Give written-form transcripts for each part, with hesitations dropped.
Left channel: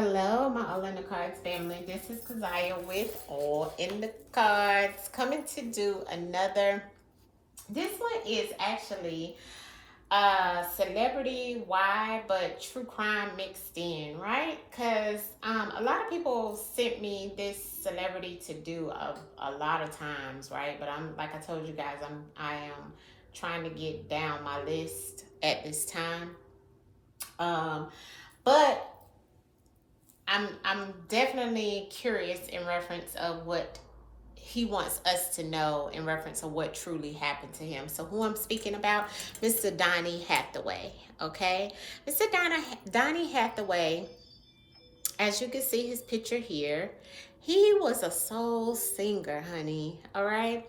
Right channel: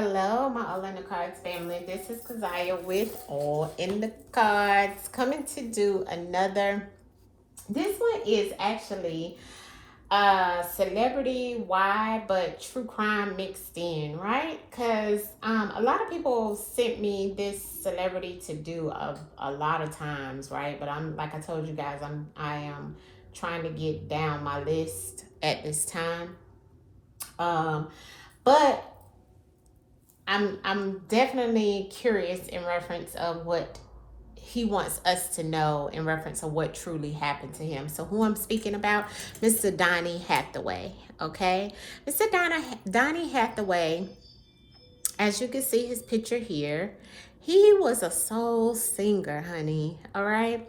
Hello, my All in the Cards family. This is Kazaya with All in the Cards, coming to do another. This one is actually celebrity why but true crime mixed in, right? Because a lot of people sent me this celebrity to do a lot of times, right? But I'm like I told you guys, I am trying to get down my list at this time. But I'm definitely curious in reference of what he wants us to know in reference of what truly happened to him. So who I'm speaking about, Mr. Donnie Hathaway. Okay, Mr. Donnie Hathaway. As you can see his picture here, he was a soul singer, honey. All right.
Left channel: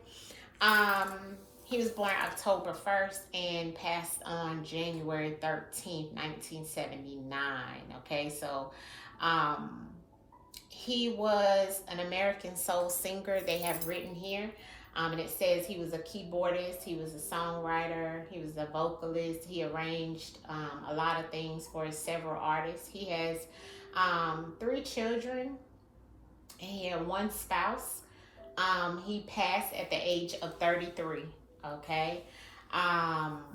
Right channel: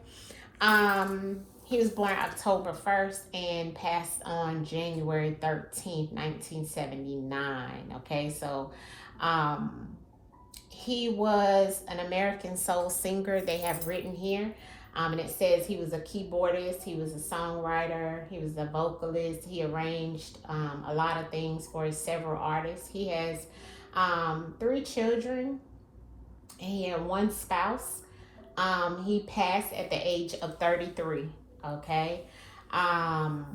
He was born October 1st and passed on January 13th, 1979. Okay, so um, he was an American soul singer, they have written here. And it says he was a keyboardist, he was a songwriter, he was a vocalist, he arranged a lot of things for several artists. He has three children, he had one spouse. He passed at the age of 33. Okay. Um,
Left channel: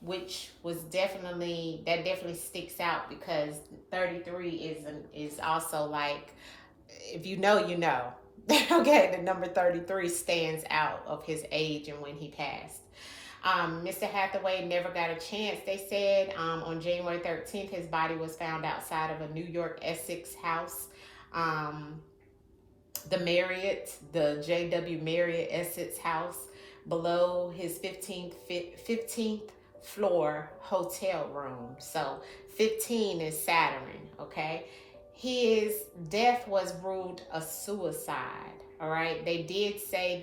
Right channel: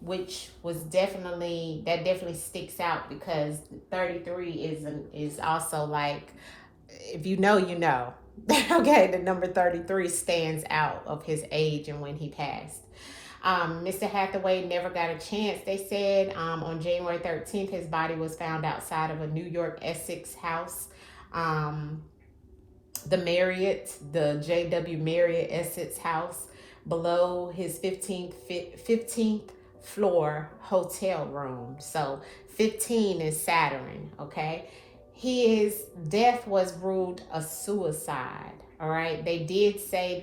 which was definitely sticks out because 33 is also like, if you know, you know. Okay, the number 33 stands out of his age and when he passed. Mr. Hathaway never got a chance, they said. On January 13th, his body was found outside of a New York Essex house. Um, the Marriott, the J.W. Marriott Essex house, below his 15th floor hotel room. So 15 is Saturn, okay? His death was ruled a suicide, all right? They did say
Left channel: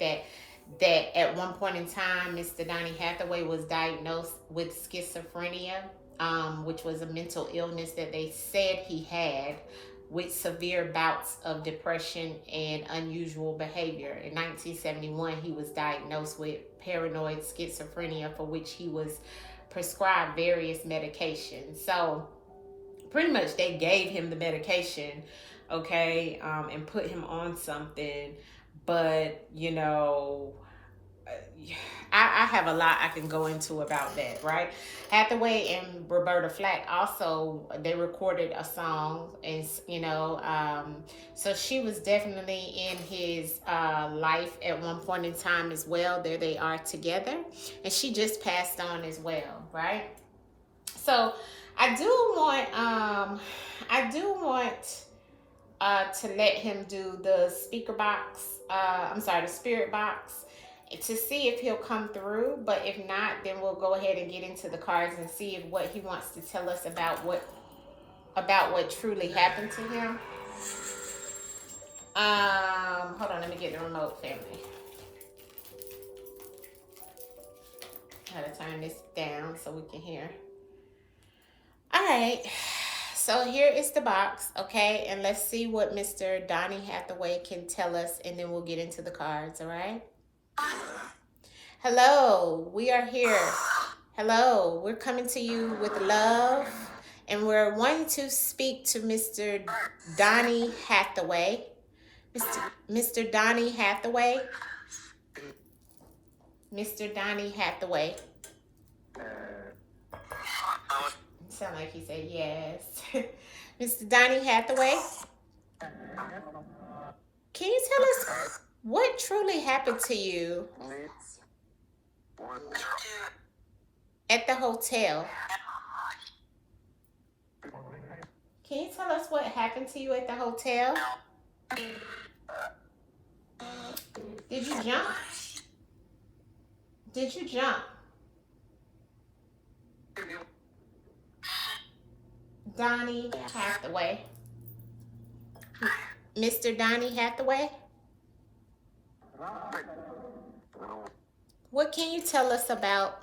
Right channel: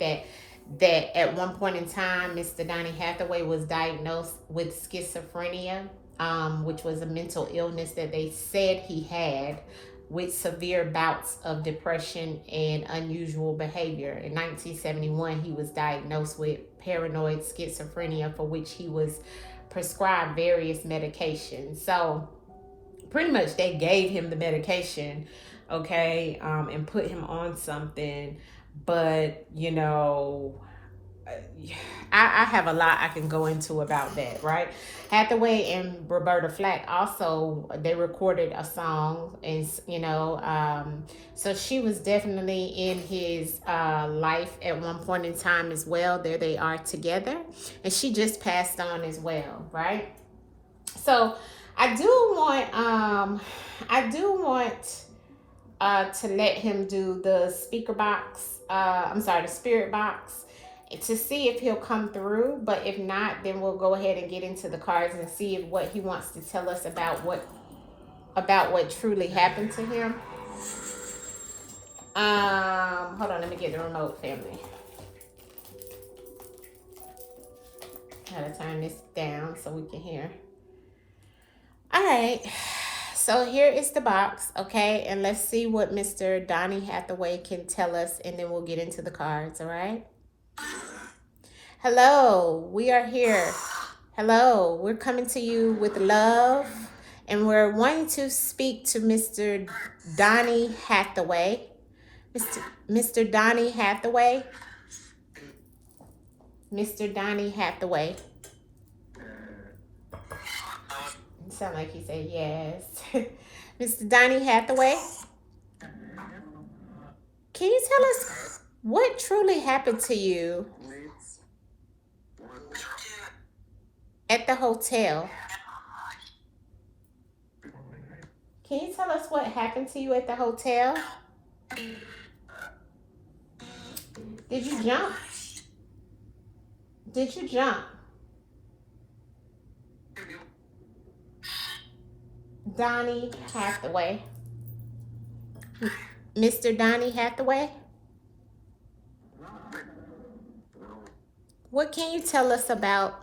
that at one point in time, Mr. Donnie Hathaway was diagnosed with schizophrenia, which was a mental illness that they said he had, with severe bouts of depression and unusual behavior. In 1971, he was diagnosed with paranoid schizophrenia, for which he was prescribed various medications. So, pretty much, they gave him the medication, okay, and put him on something. But, I have a lot I can go into about that, right? Hathaway and Roberta Flack also, they recorded a song, and so she was definitely in his life at one point in time as well. There they are together, and she just passed on as well, right? So I do want to let him do the speaker box. The spirit box, to see if he'll come through. But if not, then we'll go ahead and get into the cards and see if what he wants to tell us about what truly happened to him. Hold on, let me get the remote, family. Gotta turn this down so we can hear. All right. So here is the box, okay? And let's see what Mr. Donnie Hathaway can tell us, and then we'll get into the cards, all right? Hello, we are here. Hello, we're coming to you with love, and we're wanting to speak to Mr. Donnie Hathaway. Mr. Donnie Hathaway. Mr. Donnie Hathaway. It sounds like he said yes. Mr. Donnie Hathaway, can you tell us what truly happened to you at the hotel? Can you tell us what happened to you at the hotel? Did you jump? Did you jump? Donnie Hathaway. Mr. Donnie Hathaway? What can you tell us about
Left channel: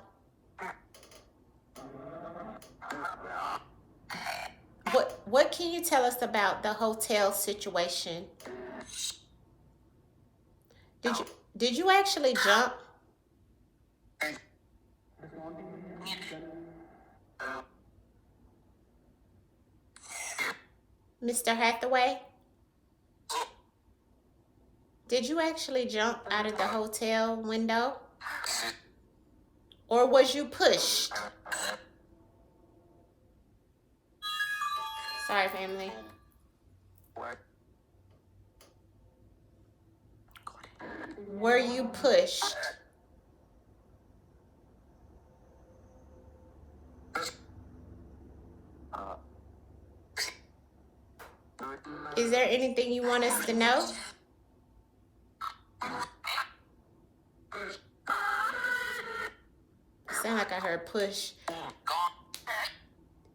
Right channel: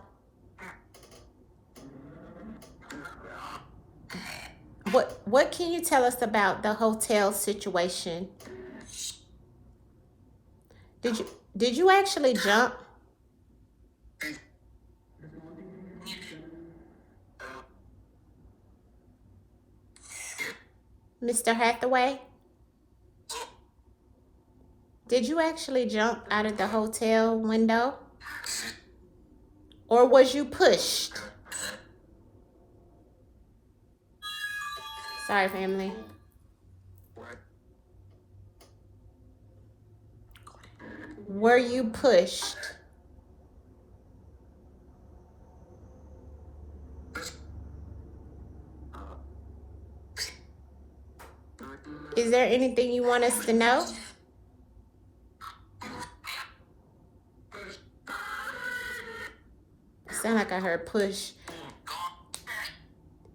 what can you tell us about the hotel situation? Did you actually jump? Mr. Hathaway? Did you actually jump out of the hotel window? Or was you pushed? Sorry, family. Were you pushed? Is there anything you want us to know? Sound like I heard push.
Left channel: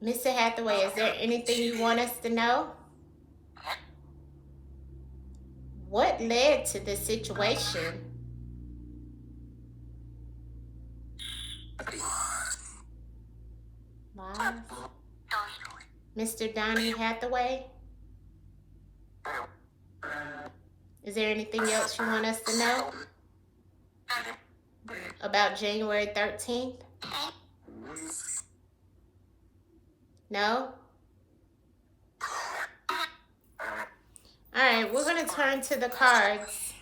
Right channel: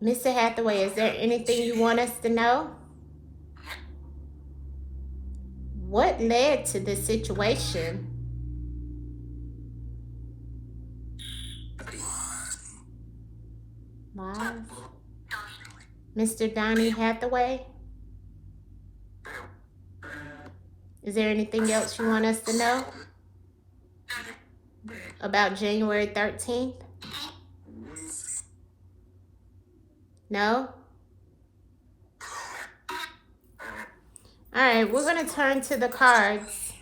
Mr. Hathaway, is there anything you want us to know? What led to the situation? Lies. Mr. Donnie Hathaway? Is there anything else you want us to know about January 13th? No? Alright, we're going to turn to the cards.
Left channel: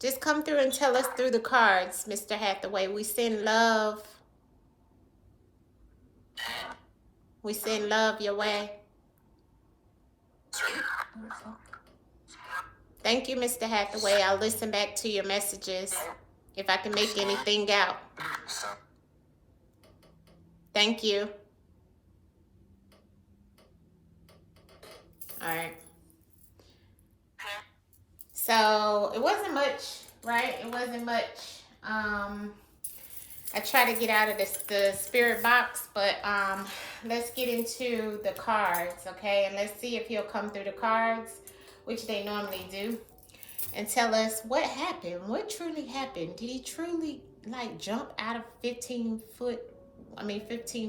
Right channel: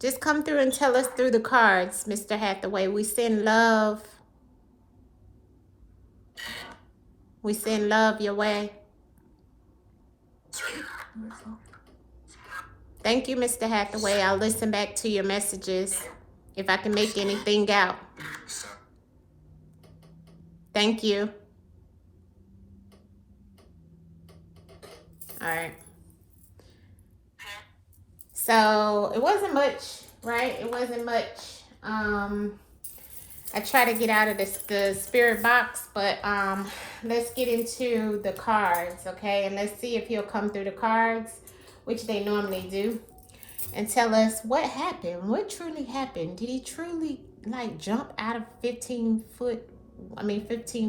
Just come through and tell us through the cards, Mr. Hathaway. We send love. We send love your way. Thank you, Mr. Hathaway. I'll listen back to your messages if I can make anything out. Thank you. All right. So it wasn't much, right? It wasn't much. I try to get out of the spirit box, but let's get into the cards, okay? And let's see if he'll come through the cards, which they normally do, and tell us what happened. What truly happened? Did he truly like jump out of 15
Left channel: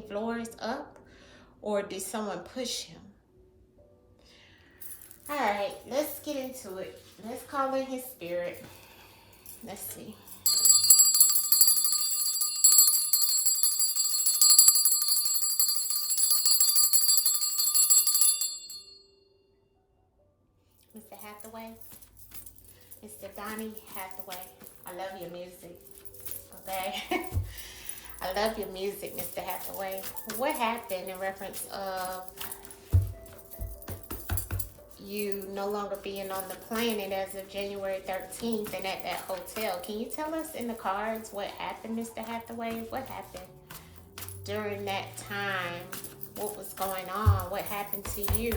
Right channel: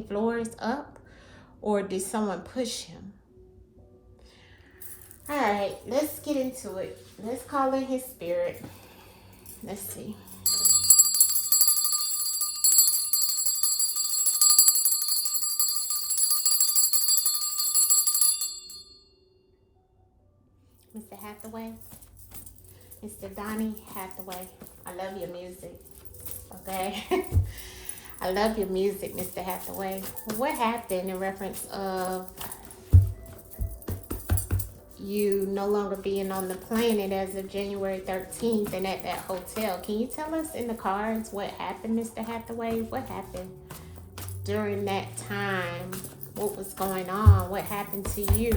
floors up, or did someone push him? All right, let's get into it. Let's call in his spirit. Let's see. Mr. Hathaway, Mr. Donnie Hathaway, I love your music, okay? I love your music, Mr. Hathaway. What happened in reference of you no longer being on the planet as of January 13th and at that hotel? Can you tell us in the cards what happened, Mr. Hathaway? What happened during that time? What was going on? What happened to you?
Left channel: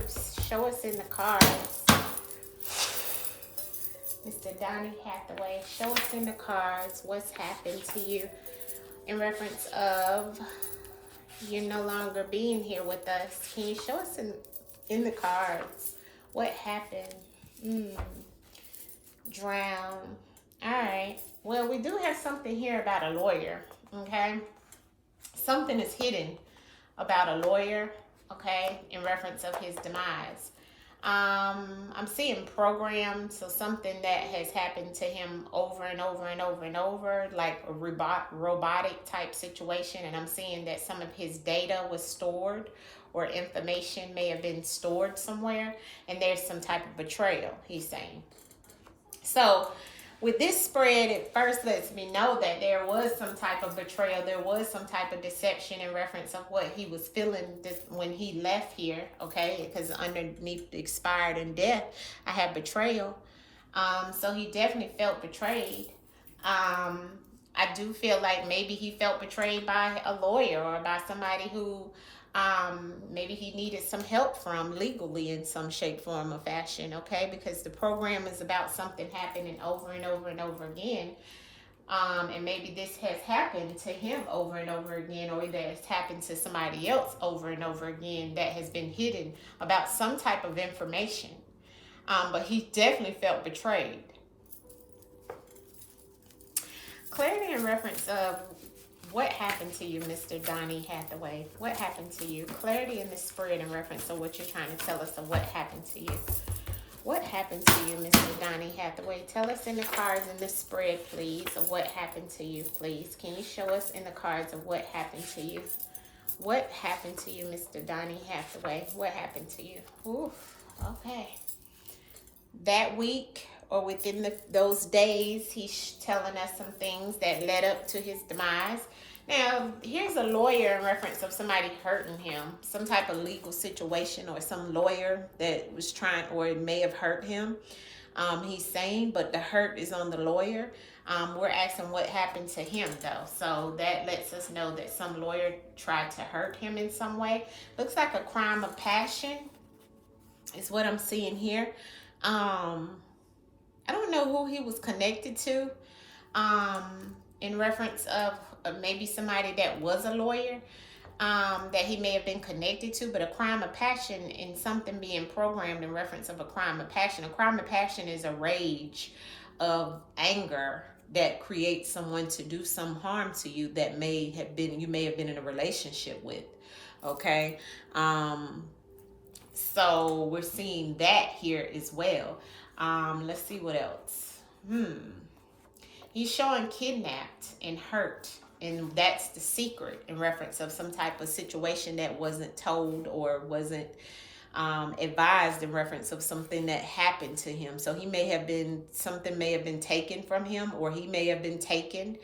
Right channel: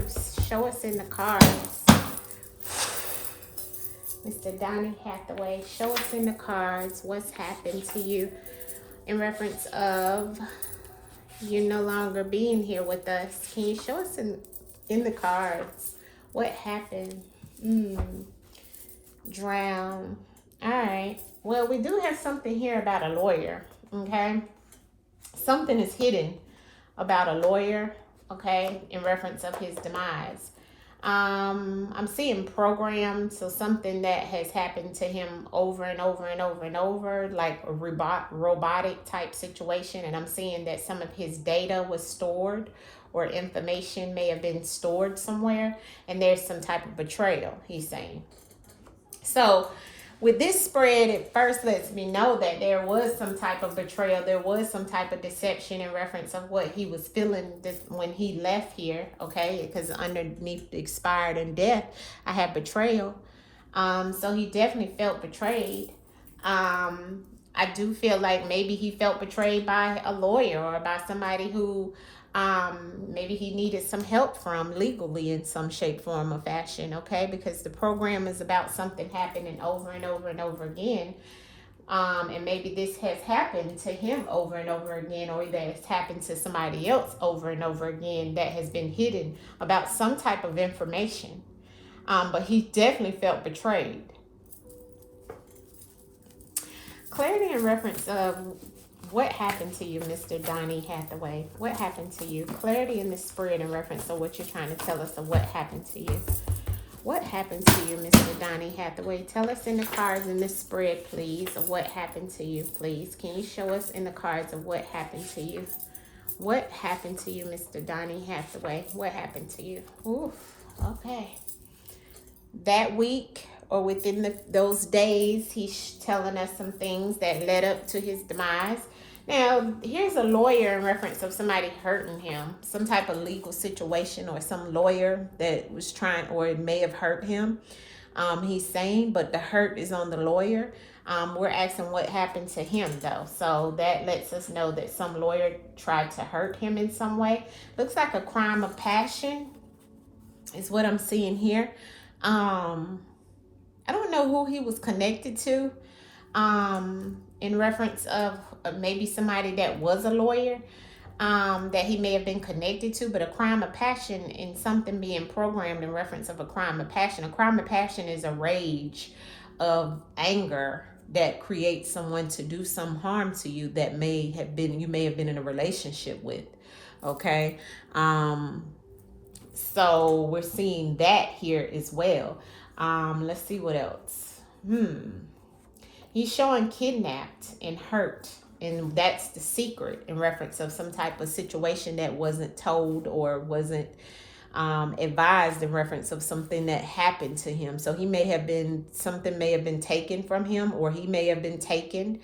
Show us in the cards. Mr. Donnie Hathaway, show us in the cards what's happened to you in reference of you no longer being here with us. Can you show us in the cards what happened? Drown. All right. Well, we do have something here about a lawyer, okay? Something is hidden about a lawyer, okay, in reference of his demise. I'm seeing programmed, so something that has happened to him over and over and over and over, like a robotic type situation. And I'm seeing that some of his data was stored, or information may have been stored somewhere, and there's some type of betrayal, he's saying. So with this spread, it first lets me know that there was some type of betrayal. There was some type of deception in reference of what he was feeling when he left here, okay? Because underneath the expired and death, I have betrayal. So he definitely felt betrayed. I do feel like maybe he felt betrayed by a lawyer or by somebody who maybe he needed some help from legally in some shape, form, or fashion, okay? Because the program is about something happening over and over and over again. And maybe this has happened to him over and over again, or that has happened to somebody else over and over again that has been hidden about some type of information. But he definitely felt betrayed. Clarity in reference of what happened to you, Mr. Donnie Hathaway? What happened to you? Clarity in the spirit in reference of what you're trying to tell us of what happened to you. What happened to you, Mr. Donnie Hathaway? Tell us in the cards in the spread, please, of what happened to you, please. Can you show us in the cards of what happened to you? What happened to you, Mr. Donnie Hathaway? What happened to you? Oof. Okay. That week or within those days, he's telling us some things that led up to his demise. Now, here's a lawyer in reference of somebody hurting him, some type of legal situation, or some lawyer that was trying or it may have hurt him. He's saying, but the hurt is on the lawyer. We're asking what happened to him though. So that lets us know that some lawyer tried to hurt him in some way. Looks like a crime of passion is what I'm seeing here. I don't know who he was connected to. In reference of maybe somebody that was a lawyer. That he may have been connected to, but a crime of passion and something being programmed in reference of a crime of passion. A crime of passion is a rage of anger that creates someone to do some harm to you that you may have been in a relationship with. Okay. So we're seeing that here as well. Let's see what else. He's showing kidnapped and hurt. And that's the secret in reference of some type of situation that wasn't told or wasn't advised in reference of something that happened to him. So something may have been taken from him, or he may have been taken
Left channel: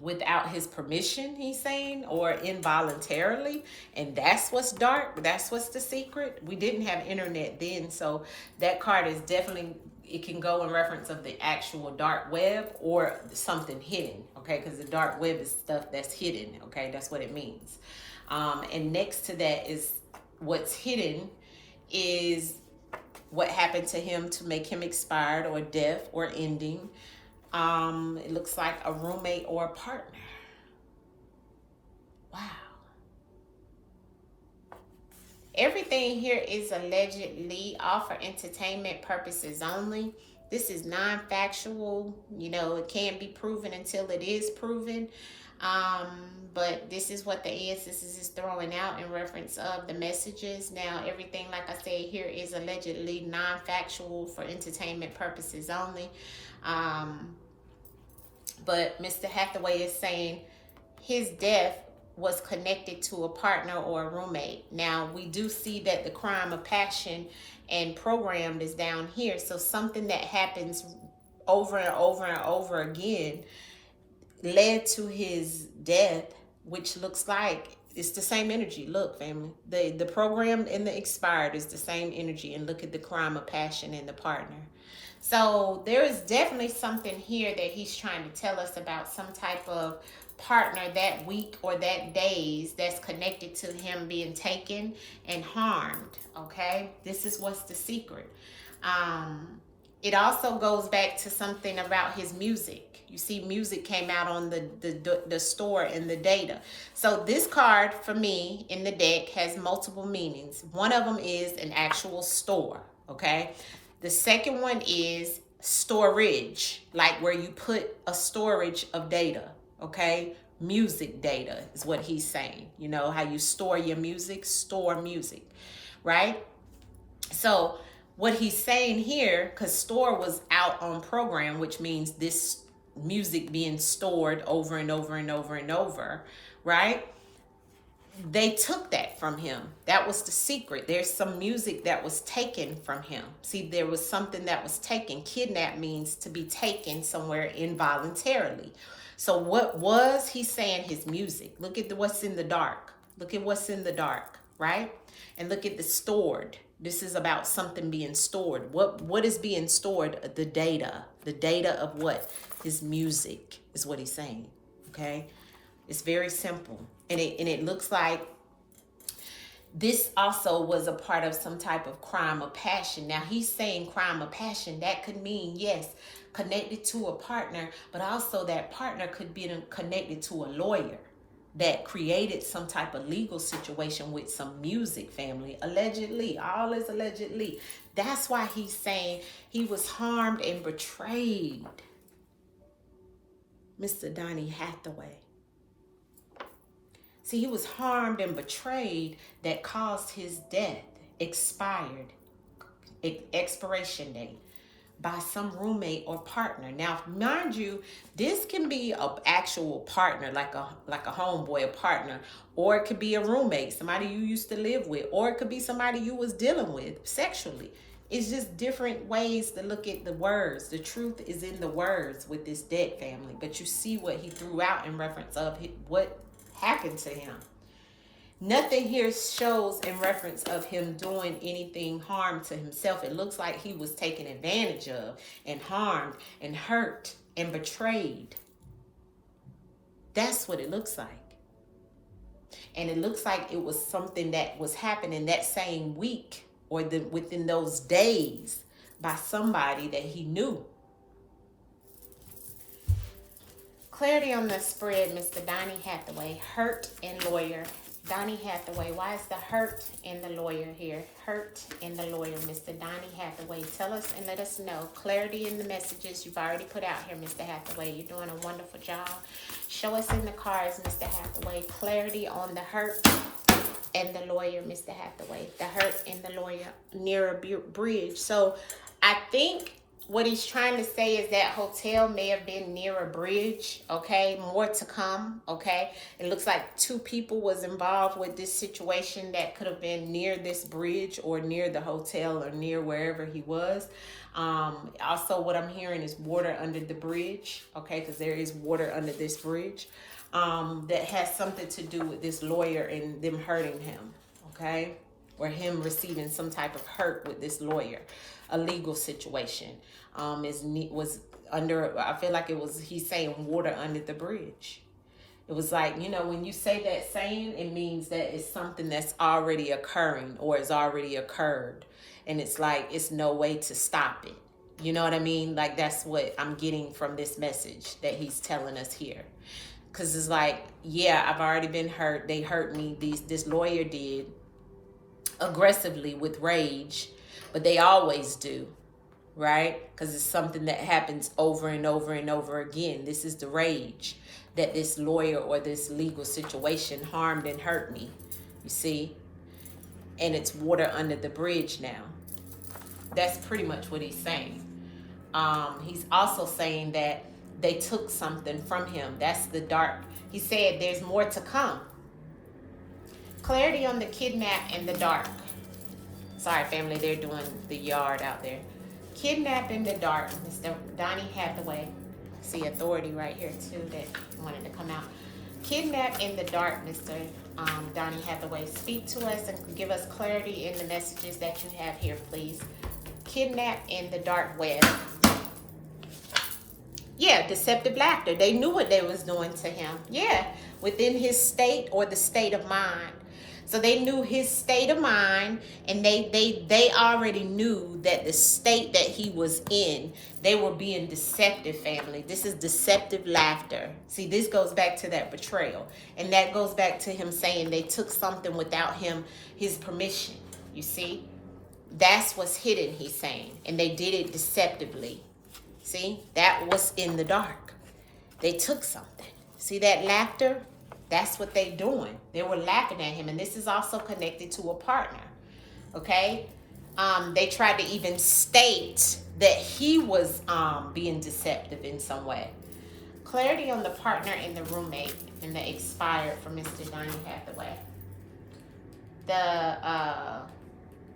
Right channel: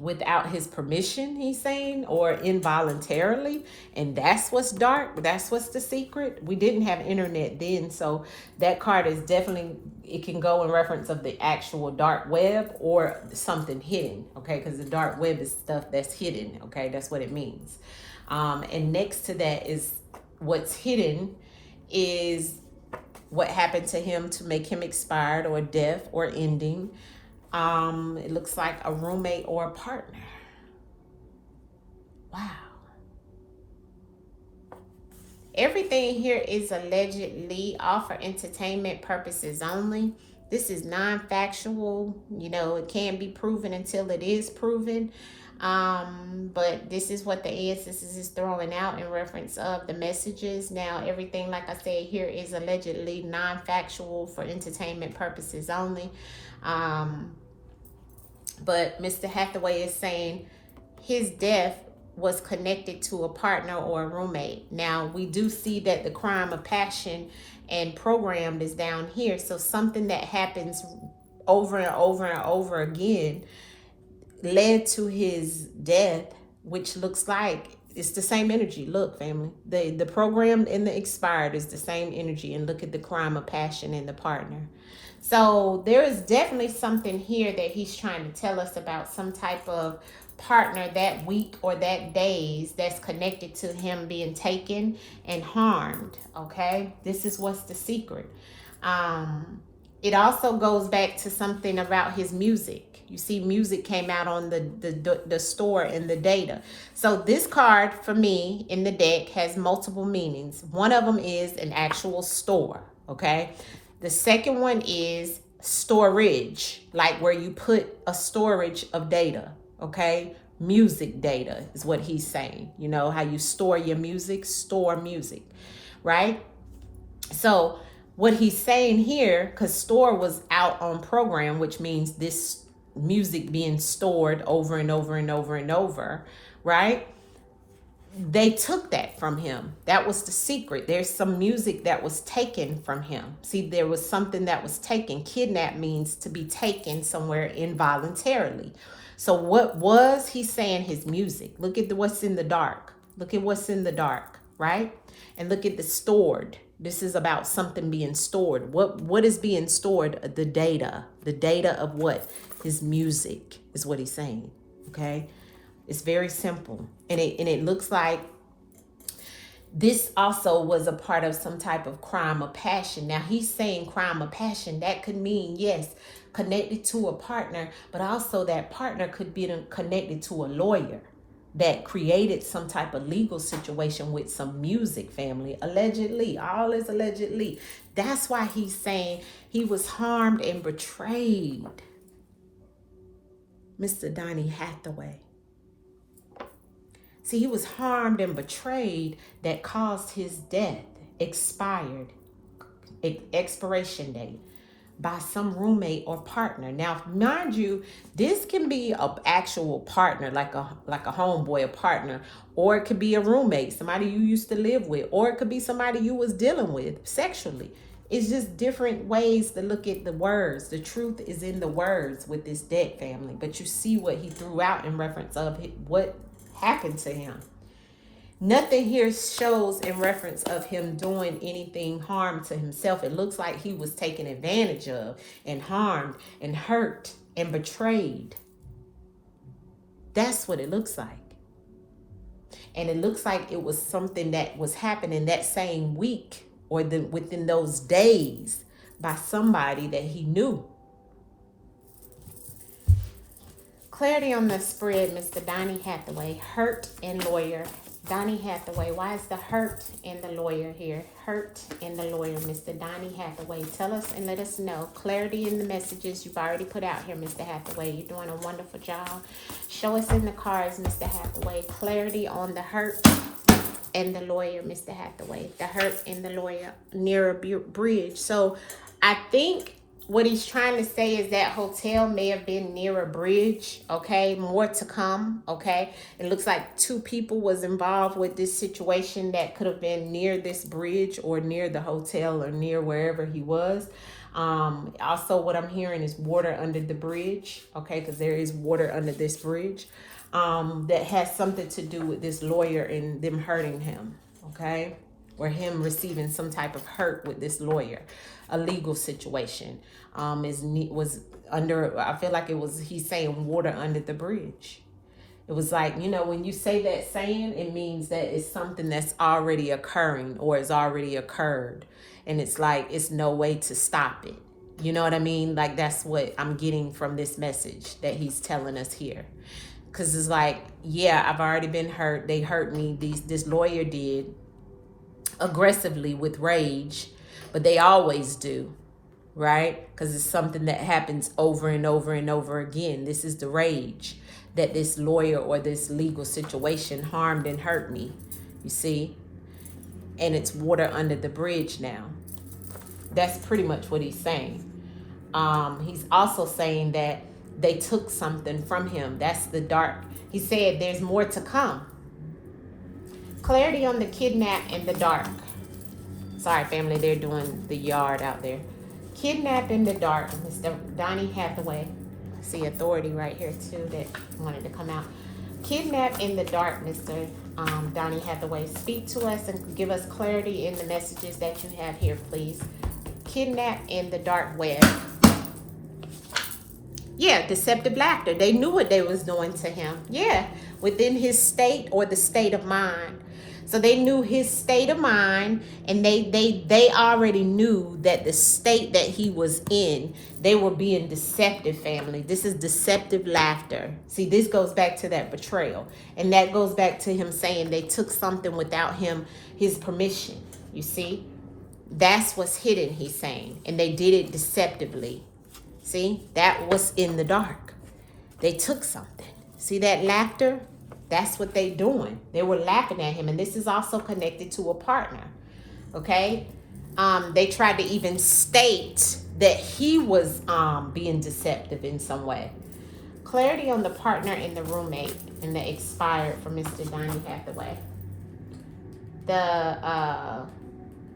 without his permission, he's saying, or involuntarily. And that's what's dark. That's what's the secret. We didn't have internet then, so that card is definitely, it can go in reference of the actual dark web or something hidden, okay? Because the dark web is stuff that's hidden, okay? That's what it means. And next to that is what's hidden is what happened to him to make him expired or death or ending. It looks like a roommate or a partner. Wow. Everything here is allegedly all for entertainment purposes only. This is non-factual. You know, it can't be proven until it is proven. But this is what the ancestors is throwing out in reference of the messages. Now, everything, like I said, here is allegedly non-factual for entertainment purposes only. But Mr. Hathaway is saying his death was connected to a partner or a roommate. Now, we do see that the crime of passion and programmed is down here. So something that happens over and over and over again led to his death, which looks like it's the same energy. Look, family, the programmed and the expired is the same energy. And look at the crime of passion and the partner. So there is definitely something here that he's trying to tell us about, some type of partner that week or that days that's connected to him being taken and harmed. Okay, this is what's the secret. It also goes back to something about his music. You see, music came out on the store and the data. So this card for me in the deck has multiple meanings. One of them is an actual store. Okay. The second one is storage, like where you put a storage of data, okay? Music data is what he's saying. You know, how you store your music, store music, right? So what he's saying here, because store was out on program, which means this music being stored over and over and over and over, right? They took that from him. That was the secret. There's some music that was taken from him. See, there was something that was taken. Kidnap means to be taken somewhere involuntarily. So what was he saying? His music. Look at what's in the dark. Look at what's in the dark, right? And look at the stored. This is about something being stored. What is being stored? The data. The data of what? His music is what he's saying, okay? It's very simple. And it looks like this also was a part of some type of crime of passion. Now he's saying crime of passion. That could mean, yes, connected to a partner, but also that partner could be connected to a lawyer that created some type of legal situation with some music, family. Allegedly. All is allegedly. That's why he's saying he was harmed and betrayed. Mr. Donnie Hathaway. See, he was harmed and betrayed that caused his death, expired, expiration date. by some roommate or partner. Now, mind you, this can be an actual partner, like a homeboy, a partner, or it could be a roommate, somebody you used to live with, or it could be somebody you was dealing with sexually. It's just different ways to look at the words. The truth is in the words with this dead family. But you see what he threw out in reference of what happened to him. Nothing here shows in reference of him doing anything harm to himself. It looks like he was taken advantage of and harmed and hurt and betrayed. That's what it looks like. And it looks like it was something that was happening that same week or within those days by somebody that he knew. Clarity on the spread, Mr. Donnie Hathaway, hurt and lawyer. Donnie Hathaway, why is the hurt and the lawyer here? Hurt and the lawyer, Mr. Donnie Hathaway. Tell us and let us know. Clarity in the messages you've already put out here, Mr. Hathaway. You're doing a wonderful job. Show us in the cards, Mr. Hathaway. Clarity on the hurt and the lawyer, Mr. Hathaway. The hurt and the lawyer near a bridge. So I think what he's trying to say is that hotel may have been near a bridge, okay? More to come, okay? It looks like 2 people was involved with this situation that could have been near this bridge or near the hotel or near wherever he was. Also, what I'm hearing is water under the bridge, okay? Because there is water under this bridge. That has something to do with this lawyer and them hurting him, okay? Or him receiving some type of hurt with this lawyer. A legal situation was under, I feel like it was, he's saying water under the bridge. It was like, you know, when you say that saying, it means that it's something that's already occurring or has already occurred. And it's like, it's no way to stop it. You know what I mean? Like, that's what I'm getting from this message that he's telling us here. Because it's like, yeah, I've already been hurt. They hurt me. This lawyer did aggressively with rage. But they always do, right? Because it's something that happens over and over and over again. This is the rage that this lawyer or this legal situation harmed and hurt me, you see? And it's water under the bridge now. That's pretty much what he's saying. He's also saying that they took something from him. That's the dark. He said there's more to come. Clarity on the kidnap in the dark. Sorry, family, they're doing the yard out there. Kidnapped in the dark, Mr. Donnie Hathaway. See authority right here, too, that wanted to come out. Kidnapped in the dark, Mr. Donnie Hathaway. Speak to us and give us clarity in the messages that you have here, please. Kidnapped in the dark web. Yeah, deceptive laughter. They knew what they was doing to him. Yeah, within his state or the state of mind. So they knew his state of mind, and they already knew that the state that he was in, they were being deceptive, family. This is deceptive laughter. See, this goes back to that betrayal. And that goes back to him saying they took something without his permission. You see? That's what's hidden, he's saying. And they did it deceptively. See? That was in the dark. They took something. See that laughter? That's what they're doing. They were laughing at him. And this is also connected to a partner. Okay? They tried to even state that he was being deceptive in some way. Clarity on the partner and the roommate and the expired for Mr. Donnie Hathaway. The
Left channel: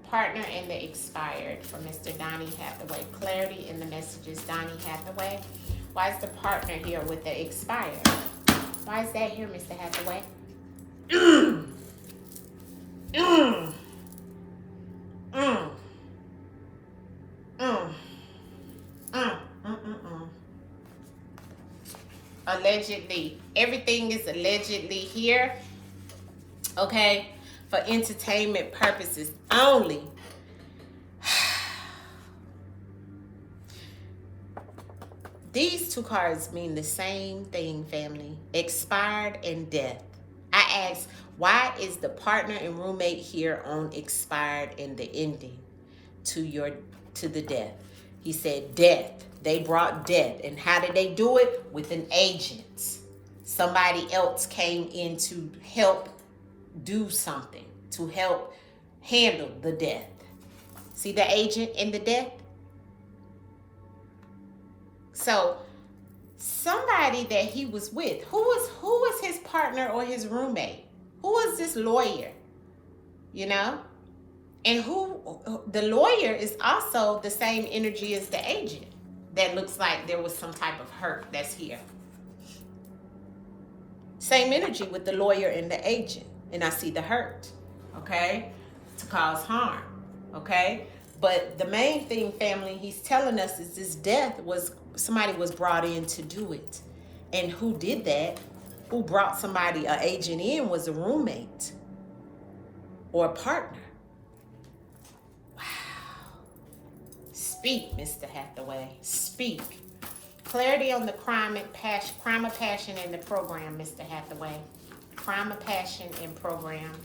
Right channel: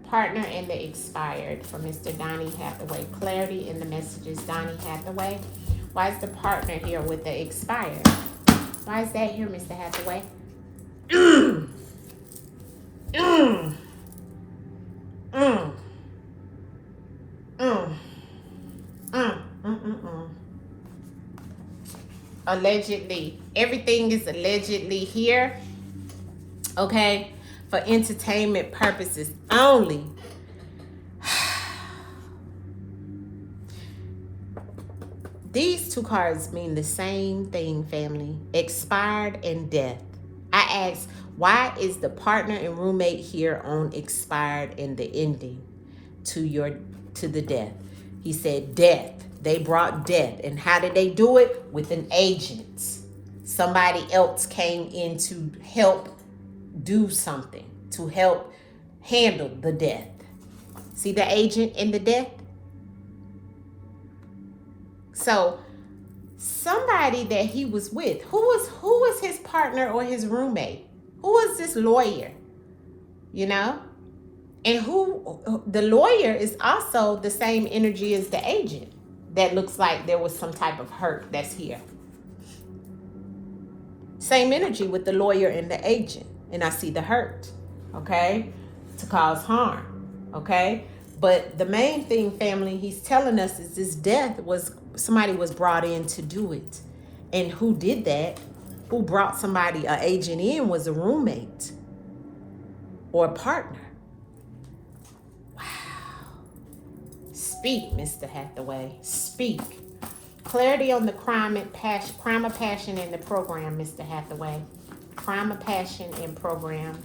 partner and the expired for Mr. Donnie Hathaway. Clarity in the messages, Donnie Hathaway. Why is the partner here with the expired? Why is that here, Mr. Hathaway? Allegedly. Everything is allegedly here. Okay? For entertainment purposes only. These 2 cards mean the same thing, family. Expired and death. I asked, why is the partner and roommate here on expired and the ending to the death? He said death. They brought death. And how did they do it? With an agent. Somebody else came in to help do something, to help handle the death. See the agent in the death? So somebody that he was with, who was his partner or his roommate? Who was this lawyer? You know? And who the lawyer is also the same energy as the agent. That looks like there was some type of hurt that's here. Same energy with the lawyer and the agent. And I see the hurt, okay? To cause harm, okay? But the main thing, family, he's telling us is this death was, somebody was brought in to do it. And who did that? Who brought somebody, an agent in, was a roommate or a partner. Speak, Mr. Hathaway. Speak. Clarity on the crime of passion in the program, Mr. Hathaway. Crime of passion in program.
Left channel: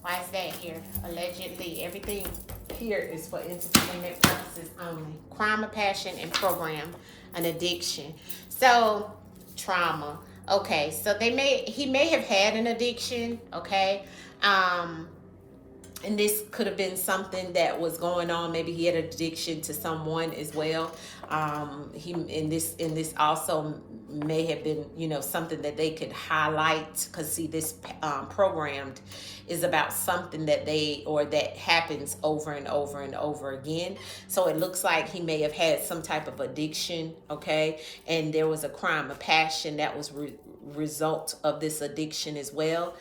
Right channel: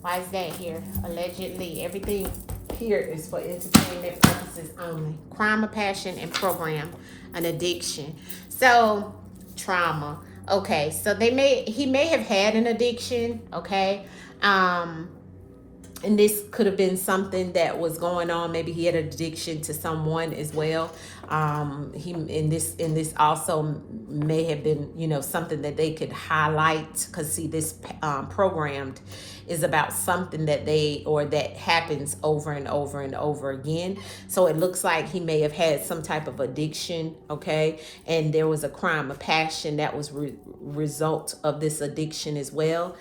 Why is that here? Allegedly, everything here is for entertainment purposes only. Crime of passion and program, an addiction. So, trauma. Okay, so he may have had an addiction. Okay, and this could have been something that was going on. Maybe he had an addiction to someone as well. He in this also may have been, you know, something that they could highlight, because see, this programmed is about something that that happens over and over and over again. So it looks like he may have had some type of addiction, okay, and there was a crime of passion that was result of this addiction as well.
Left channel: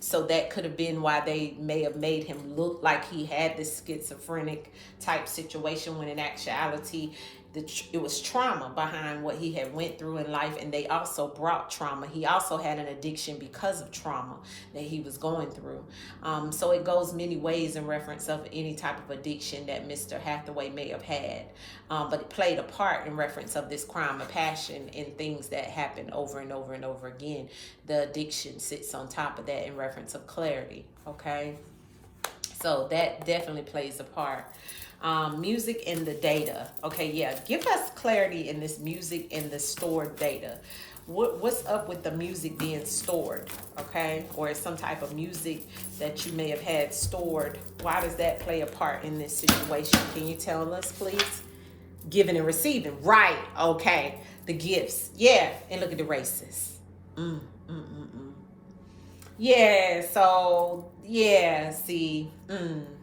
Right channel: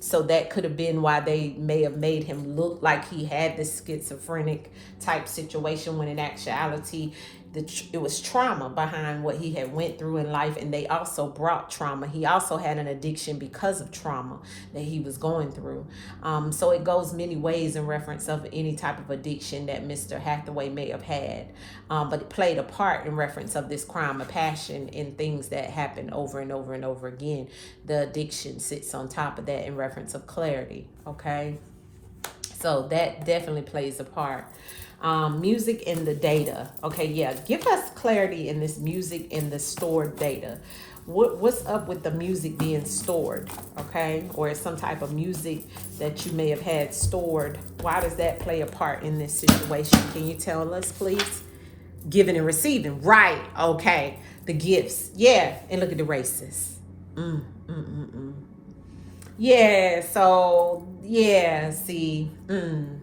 So that could have been why they may have made him look like he had this schizophrenic type situation, when in actuality it was trauma behind what he had went through in life. And they also brought trauma. He also had an addiction because of trauma that he was going through. So it goes many ways in reference of any type of addiction that Mr. Hathaway may have had. But it played a part in reference of this crime of passion in things that happen over and over and over again. The addiction sits on top of that in reference of clarity, okay? So that definitely plays a part. Music and the data. Okay, yeah, give us clarity in this music and the stored data. What's up with the music being stored, okay? Or some type of music that you may have had stored. Why does that play a part in this situation? Can you tell us, please? Giving and receiving, right? Okay, the gifts, yeah. And look at the races. Yeah, so yeah, see,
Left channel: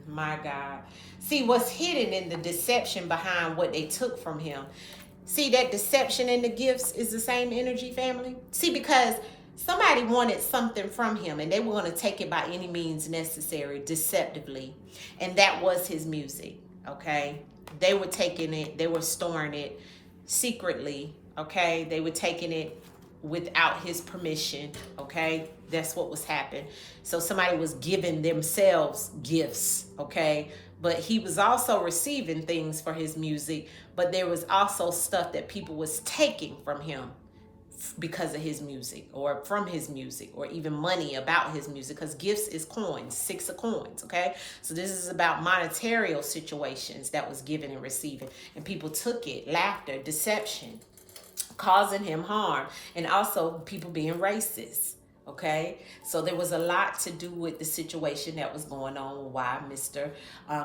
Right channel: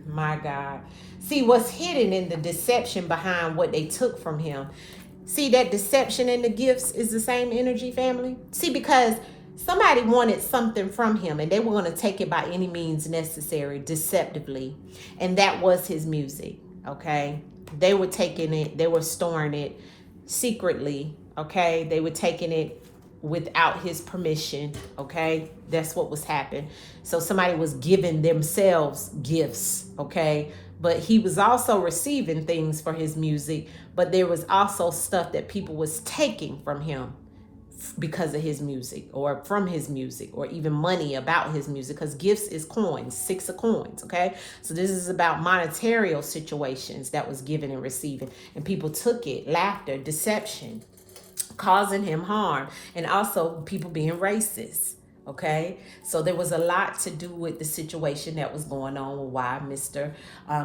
my God. See, what's hidden in the deception behind what they took from him. See, that deception in the gifts is the same energy, family. See, because somebody wanted something from him and they were going to take it by any means necessary, deceptively. And that was his music, okay? They were taking it, they were storing it secretly, okay? They were taking it without his permission, okay? That's what was happening. So somebody was giving themselves gifts, okay? But he was also receiving things for his music, but there was also stuff that people was taking from him because of his music, or from his music, or even money about his music, because gifts is coins, 6 of coins, okay? So this is about monetary situations that was given and receiving, and people took it, laughter, deception, causing him harm, and also people being racist. Okay, so there was a lot to do with the situation that was going on, why Mr.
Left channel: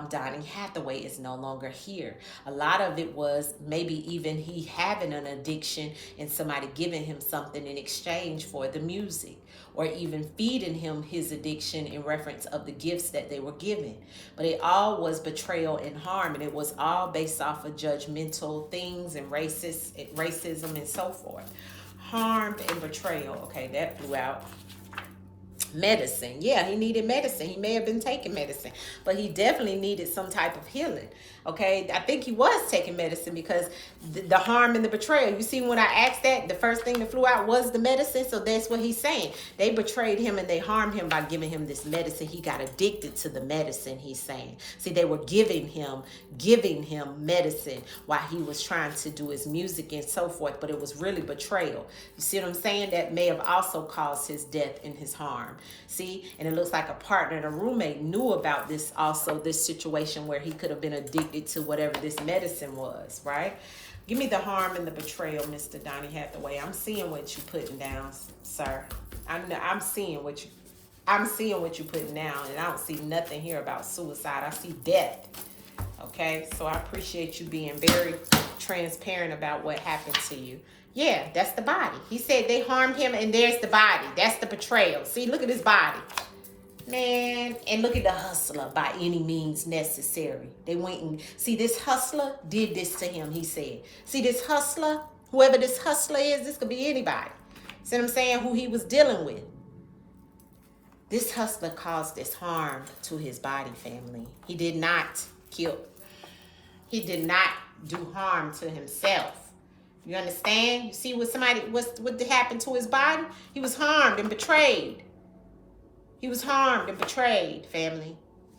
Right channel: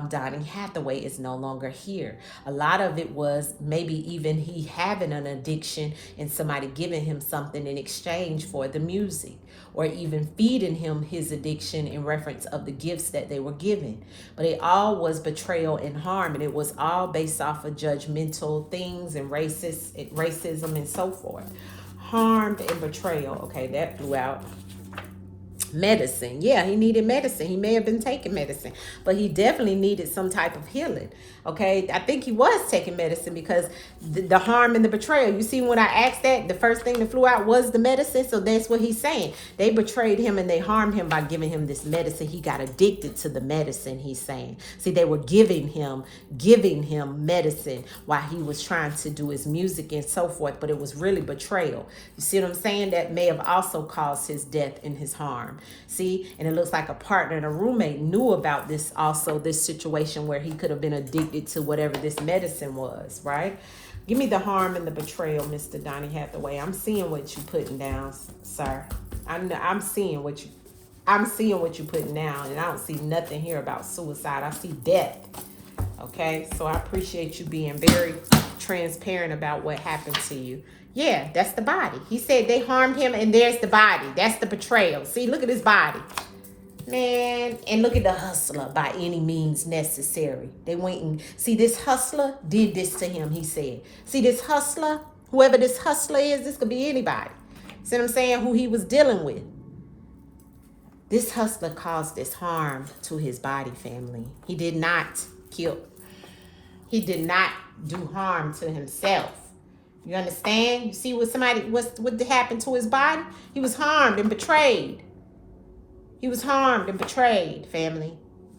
Donnie Hathaway is no longer here. A lot of it was maybe even he having an addiction and somebody giving him something in exchange for the music, or even feeding him his addiction in reference of the gifts that they were given. But it all was betrayal and harm, and it was all based off of judgmental things and racism and so forth. Harmed and betrayal. Okay, that flew out. Medicine. Yeah, he needed medicine. He may have been taking medicine, but he definitely needed some type of healing. Okay, I think he was taking medicine, because the harm and the betrayal. You see, when I asked that, the first thing that flew out was the medicine. So that's what he's saying. They betrayed him and they harmed him by giving him this medicine. He got addicted to the medicine, he's saying. See, they were giving him medicine while he was trying to do his music and so forth, but it was really betrayal. You see what I'm saying? That may have also caused his death and his harm. See, and it looks like a partner and a roommate knew about this also, this situation where he could have been addicted to whatever this medicine was, right? Give me the harm and the betrayal, Mr. Donnie Hathaway. I'm seeing what you're putting down, sir. I'm seeing what you're putting down, and I don't see nothing here about suicide. I see death. Okay, so I appreciate you being very transparent about what happened to you. Yeah, that's the body. He said they harmed him, and there's the body. That's the betrayal. See, look at his body. Man, and look at the hustler by any means necessary. They went and see this hustler did this to him, he said. See this hustler, whoever this hustler is, this could be anybody. See what I'm saying? Who he was dealing with. This hustler caused this harm to his body, family. He did not kill. He did not do harm to himself. You understand? You see what happened to his body? He was harmed and betrayed. He was harmed and betrayed, family.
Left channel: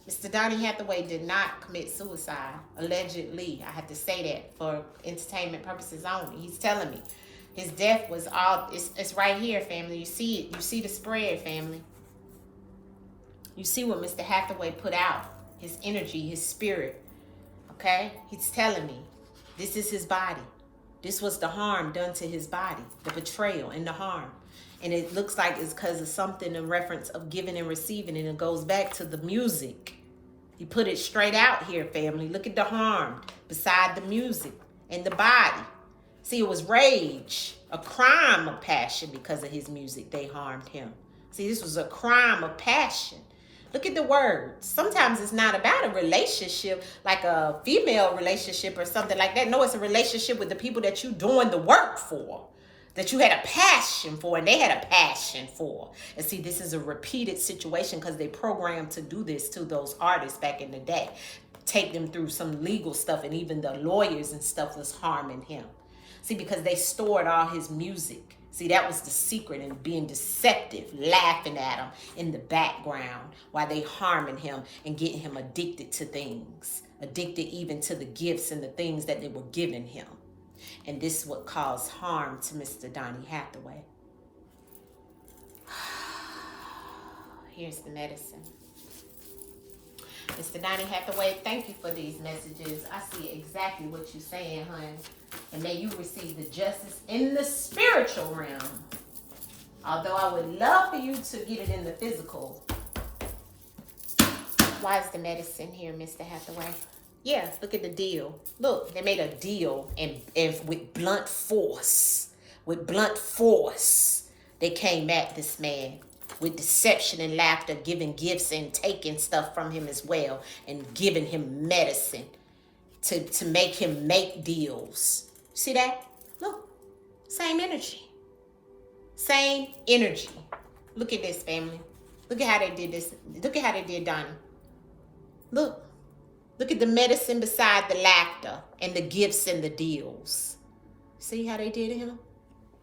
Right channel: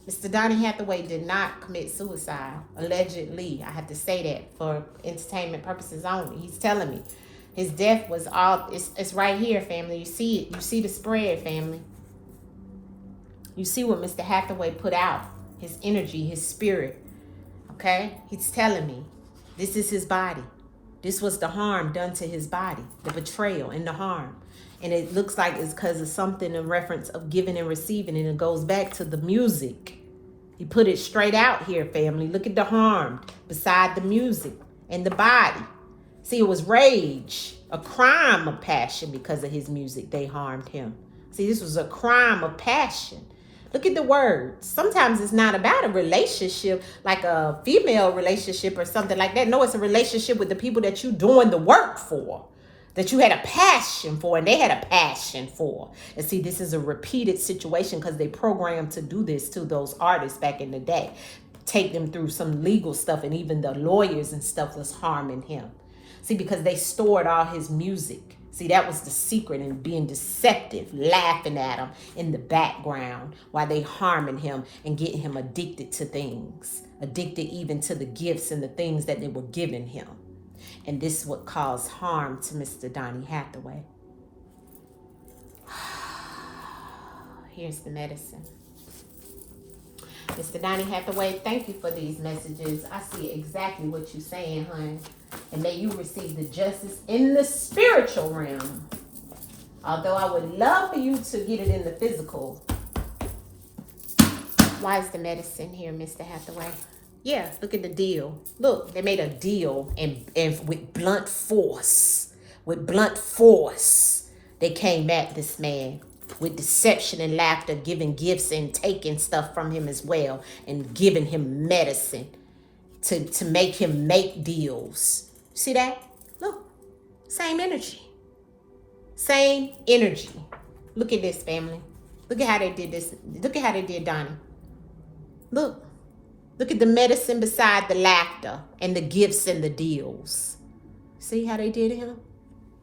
Mr. Donnie Hathaway did not commit suicide, allegedly. I have to say that for entertainment purposes only. He's telling me his death was all, it's right here, family. You see it. You see the spread, family. You see what Mr. Hathaway put out, his energy, his spirit, okay? He's telling me this is his body. This was the harm done to his body, the betrayal and the harm. And it looks like it's because of something in reference of giving and receiving, and it goes back to the music. He put it straight out here, family. Look at the harm beside the music and the body. See, it was rage, a crime of passion because of his music. They harmed him. See, this was a crime of passion. Look at the words. Sometimes it's not about a relationship, like a female relationship or something like that. No, it's a relationship with the people that you're doing the work for, that you had a passion for, and they had a passion for. And see, this is a repeated situation because they programmed to do this to those artists back in the day. Take them through some legal stuff, and even the lawyers and stuff was harming him. See, because they stored all his music. See, that was the secret in being deceptive, laughing at him in the background while they harming him and getting him addicted to things, addicted even to the gifts and the things that they were giving him. And this is what caused harm to Mr. Donnie Hathaway. Here's the medicine. Mr. Donnie Hathaway, thank you for these messages. I see exactly what you're saying, honey. And may you receive the justice in the spiritual realm. Although I would love for you to get it in the physical. Why is the medicine here, Mr. Hathaway? Yeah, look at the deal. Look, they made a deal and with blunt force. With blunt force, they came at this man. With deception and laughter, giving gifts and taking stuff from him as well. And giving him medicine to make him make deals. See that? Look, same energy. Same energy. Look at this, family. Look at how they did this. Look at how they did Donnie. Look. Look at the medicine beside the laughter and the gifts and the deals. See how they did him?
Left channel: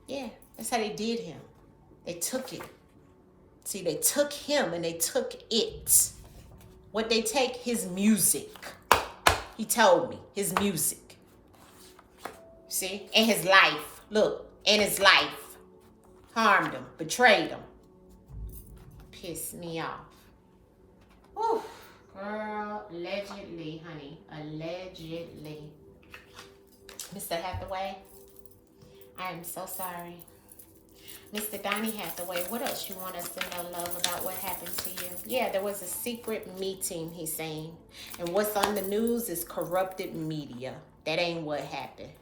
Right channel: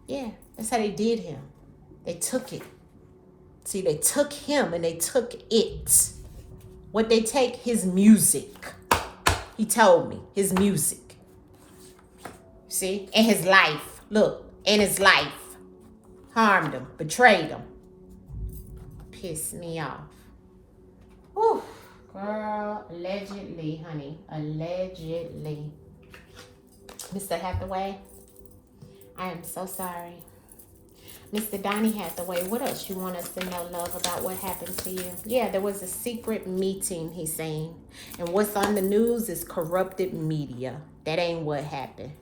Yeah, that's how they did him. They took it. See, they took him and they took it. What they take? His music. He told me. His music. See? And his life. Look. And his life. Harmed him. Betrayed him. Pissed me off. Whew. Girl, allegedly, honey. Allegedly. Mr. Hathaway, I am so sorry. Mr. Donnie Hathaway, what else you want us to know, love, about what happened to you? Yeah, there was a secret meeting, he's saying. And what's on the news is corrupted media. That ain't what happened.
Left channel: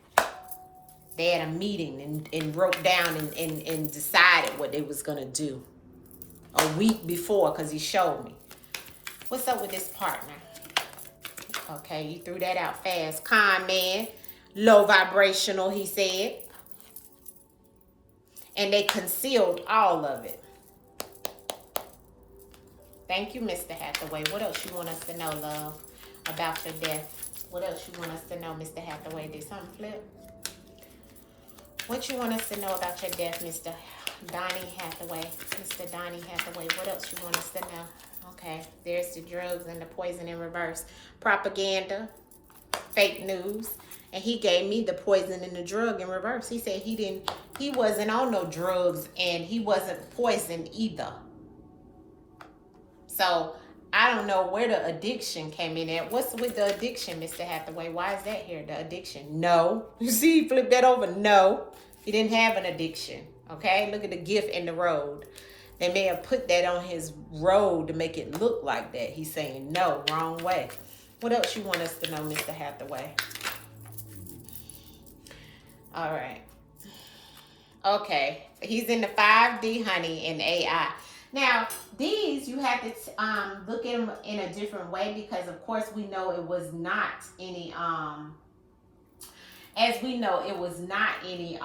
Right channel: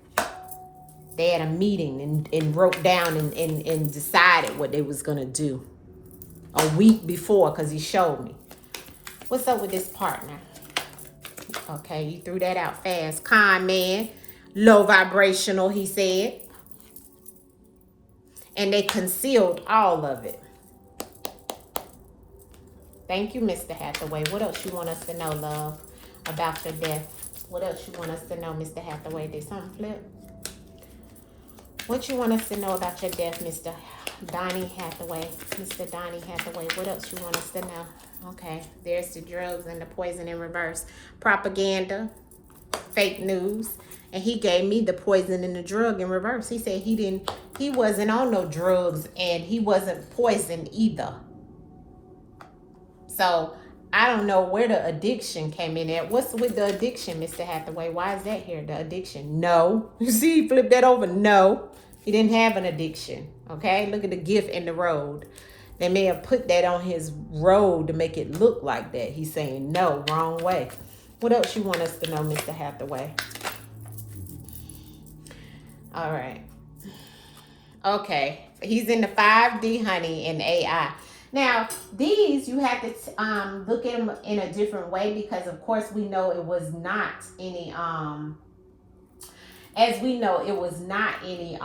They had a meeting and wrote down and decided what they was going to do a week before, because he showed me. What's up with this partner? Okay, you threw that out fast. Con man, low vibrational, he said. And they concealed all of it. Thank you, Mr. Hathaway. What else you want us to know, love, about your death? What else you want us to know, Mr. Hathaway? Did something flip? What you want us to know about your death, Mr. Donnie Hathaway? Mr. Donnie Hathaway, what else you want us to know? Okay, there's the drugs and the poison in reverse. Propaganda, fake news. And he gave me the poison and the drug in reverse. He said he wasn't on no drugs and he wasn't poisoned either. So I don't know where the addiction came in at. What's with the addiction, Mr. Hathaway? Why is that here, the addiction? No. You see, he flipped that over. No, he didn't have an addiction. Okay, look at the gift in the road. They may have put that on his road to make it look like that. He's saying, no, wrong way. What else you want us to know, Mr. Hathaway? All right. Okay. He's in the 5D, honey, and AI. Now, these, you have to look at them in a different way because, of course, we know it was not any, as we know, it was not any,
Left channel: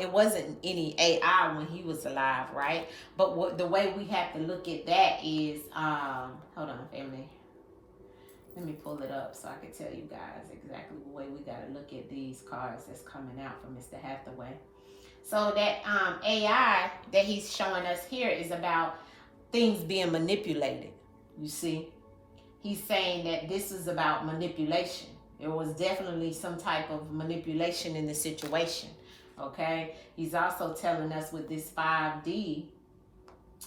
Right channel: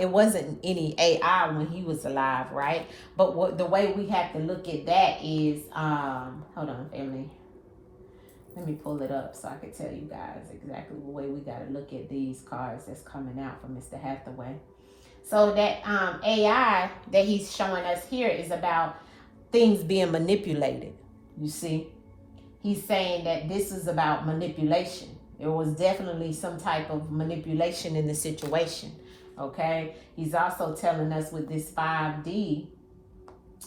it wasn't any AI when he was alive, right? But the way we have to look at that is, hold on, family. Let me pull it up so I can tell you guys exactly the way we got to look at these cards that's coming out from Mr. Hathaway. So that AI that he's showing us here is about things being manipulated. You see, he's saying that this is about manipulation. There was definitely some type of manipulation in the situation. Okay, he's also telling us with this 5D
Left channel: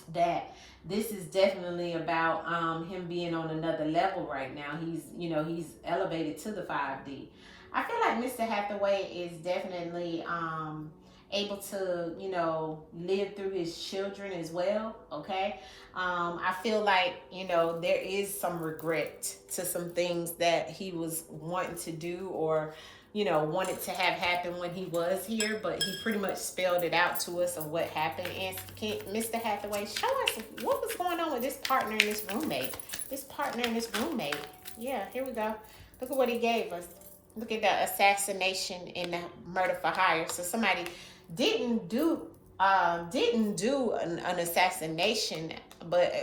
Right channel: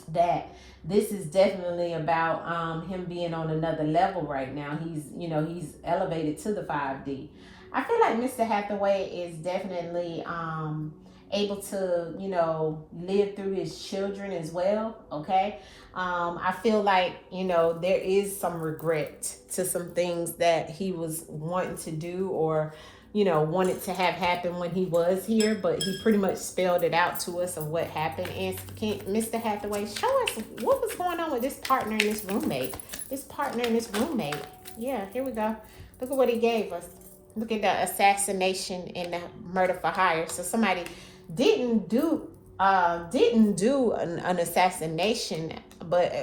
that this is definitely about him being on another level right now. He's elevated to the 5D. I feel like Mr. Hathaway is definitely able to, live through his children as well. Okay. I feel like, there is some regret to some things that he was wanting to do or, wanted to have happen when he was here, but he pretty much spelled it out to us of what happened. Mr. Hathaway, show us what was going on with this partner and this roommate. Yeah, here we go. Look at what he gave us. Look at the assassination and the murder for hire. So somebody didn't do an assassination,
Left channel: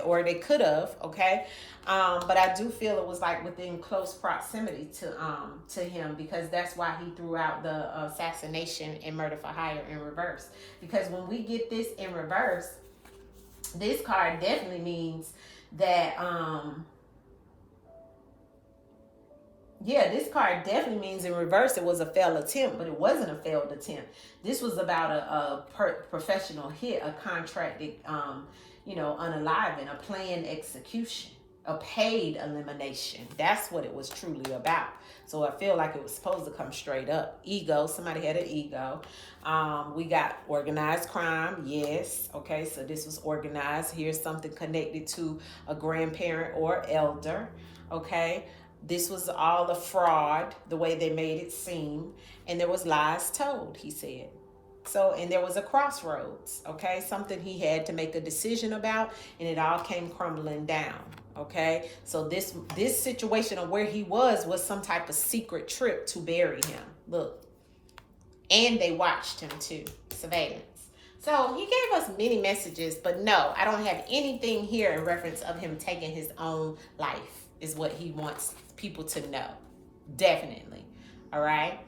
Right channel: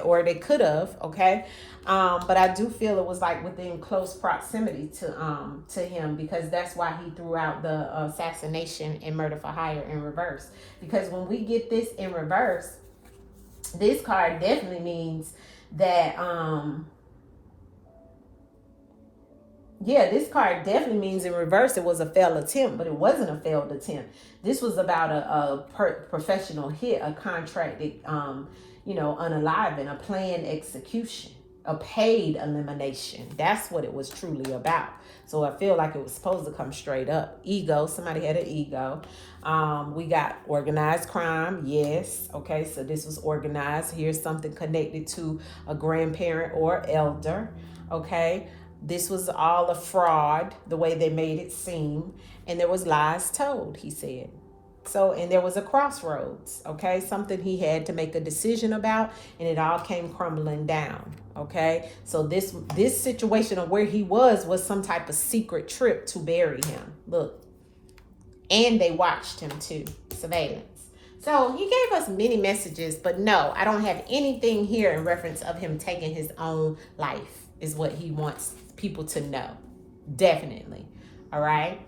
or they could have, okay. But I do feel it was like within close proximity to him, because that's why he threw out the assassination and murder for hire in reverse. Because when we get this in reverse, this card definitely means that this card definitely means in reverse it was a failed attempt, but it wasn't a failed attempt. This was about a professional hit, a contracted, unaliving, a planned execution, a paid elimination. That's what it was truly about. So I feel like it was supposed to come straight up. Ego, somebody had an ego. We got organized crime, yes. Okay, so this was organized. Here's something connected to a grandparent or elder, okay. This was all a fraud, the way they made it seem. And there was lies told, he said. So, and there was a crossroads, okay? Something he had to make a decision about, and it all came crumbling down, okay? So this situation of where he was some type of secret trip to bury him. Look. And they watched him too, surveillance. So he gave us many messages, but no, I don't have anything here in reference of him taking his own life, is what he wants people to know. Definitely. All right.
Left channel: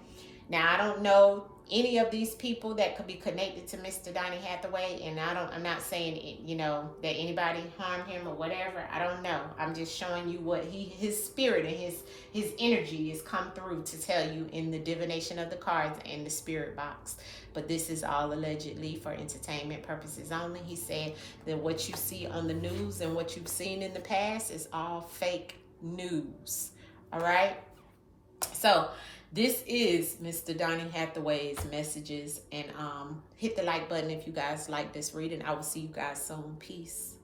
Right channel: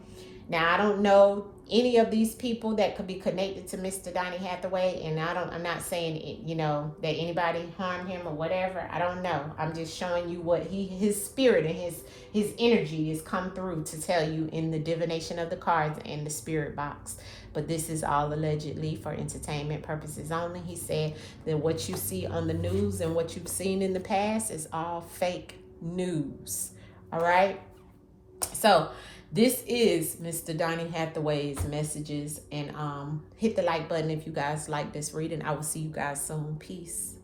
Now, I don't know any of these people that could be connected to Mr. Donnie Hathaway, and I'm not saying that anybody harmed him or whatever. I don't know. I'm just showing you what his spirit and his energy has come through to tell you in the divination of the cards and the spirit box. But this is all allegedly for entertainment purposes only. He said that what you see on the news and what you've seen in the past is all fake news. All right. So this is Mr. Donnie Hathaway's messages, and hit the like button if you guys like this reading. I will see you guys soon. Peace.